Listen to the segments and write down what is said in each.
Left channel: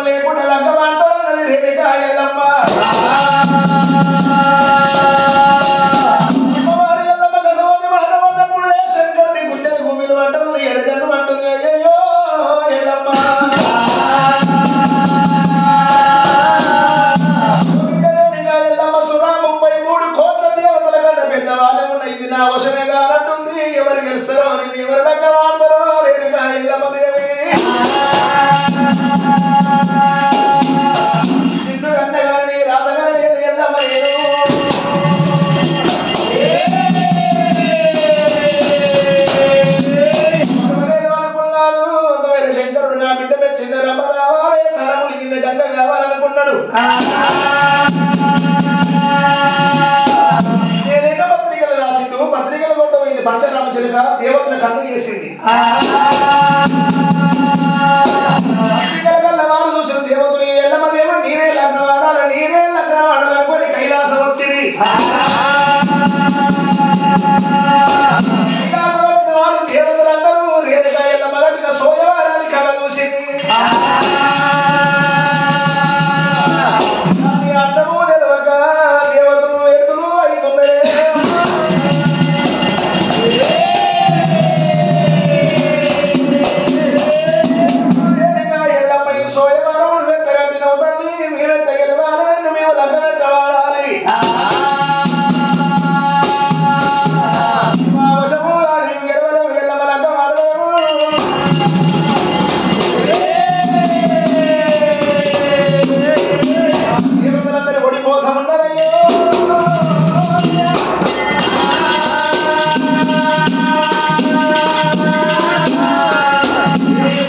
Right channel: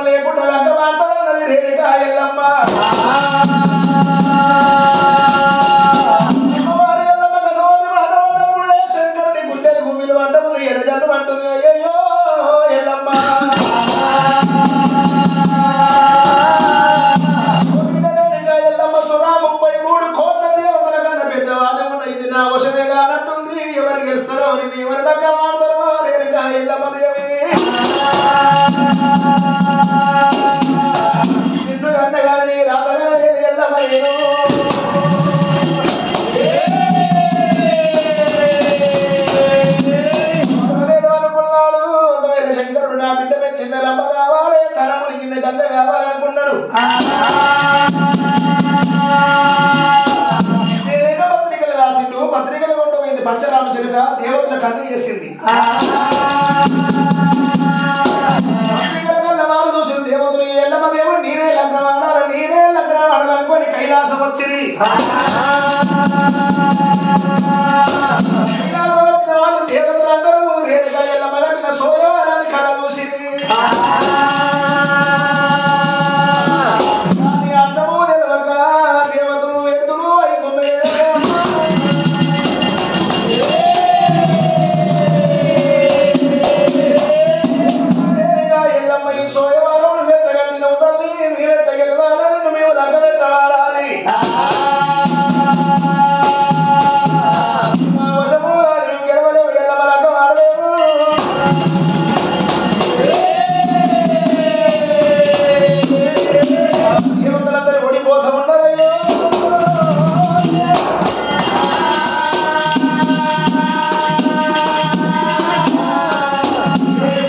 శంకరుడు లేకుండా లంక మాట్లాడన్నది రేణుక ఎల్లమ్మ అమ్మవారి ఎల్లమ్మ కసవని మాట పడ్డప్పుడు శంకరుడి గుండెలు గుమ్మిలు అంటుంది ఎడజన్ను అంటుంది అయ్యో ఎల్లమ్మ ఎల్లమ్మ సురా 33 కోట్ల దేవతల కన్నా పెద్దవాళ్ళు ఇది నా వశమే కానట్టుంది ఎవరు గెలుస్తారో ఎవరి దగ్గర ఆడతారో రేణుక ఎల్లమ్మ దేవి నిన్ను అన్నగాని రాతగాని ఎల్లమ్మ నేను అనుకున్నాడు ఒకవేళ శంకరుడు నా బిడ్డ పెంచింది రమ్మ కావాలి తనముని కింద గంగ కావాలనుకున్నాడు నేనేక పత్రికలు రాసిండు పత్రికలు కొట్టబోయింది పంచరామచిలుక దేవతల కన్ను చేసింది పత్రికల కల్లా వాళ్ళు చూసిన దేవతలు ఎల్లమ్మ దేవుడు నేనే లగ్నం ఆడాలి నేనే లగ్నం ఆడాలనుకోని కైలాసం వచ్చింది కైలాసం వచ్చిన వాళ్ళు దేవతలందరూ రేణుక ఎల్లమ్మ కట్టిన సోయవారాన్ని కళ చూసింది అందము తెలియక దేవతలు ఎత్తులు అవుతున్నాయి ఎల్లమ్మ ఈ సోయవారం వెత్తగట్టిన తల్లి మీరే తగలవాలని మేము లంక పెట్టవాడాలి వశము మేము గెలవలేము ఎల్లమ్మ లంక వాడలేము దేవతలందరూ ఒడి కోసం ఉండరయ్యో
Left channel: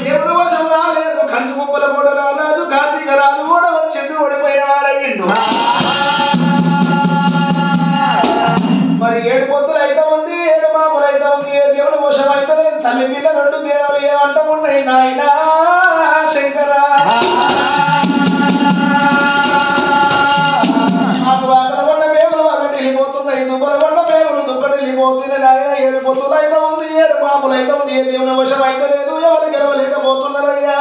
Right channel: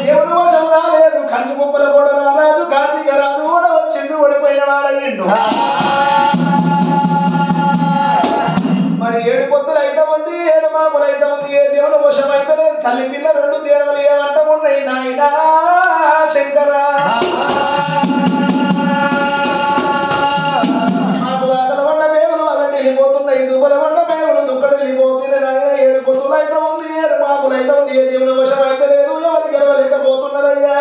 దేవుడు వశం రాలేదు కంచు కుప్పల కూడా రారాజు కార్తీక రాజు కూడా వచ్చిండు ఓడిపోయిన వాడయ్యిండు మరి 7 పొత్తులు అయితే ఉంది 7 పాపలు అయితే ఉంది ఏ దేవుడు వశం అయితే లేదు తల్లి పిల్ల 2 దేవులు ఏమంటమున్నాయి నాయనా శంకరా నాకు వాకల వండ మేగులు వల్ల వెళ్ళిపోతున్నాయి దుబ్బల వండ మేగులు దుబ్బడు వెళ్ళిపోతున్నాయి నాయన 7 పొత్తులు అయితే ఉంది 7 పాపలు అయితే ఉంది ఏ దేవుని వశం అయితే లేదు ఎవరు గెలవలేకపోతున్నారయ్యా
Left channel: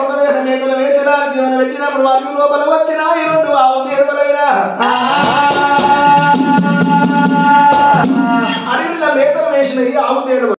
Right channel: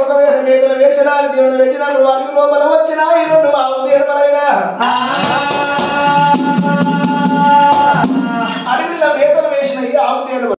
ఒకవేళ మేకలు వేసినా దేవుని పెట్టినప్పుడు వారికి లోపల వచ్చినా ఈ 2 ఆవు దేవులైనా అడవిలో మేకలు వేసిన ఈ ఆవు దేవుడు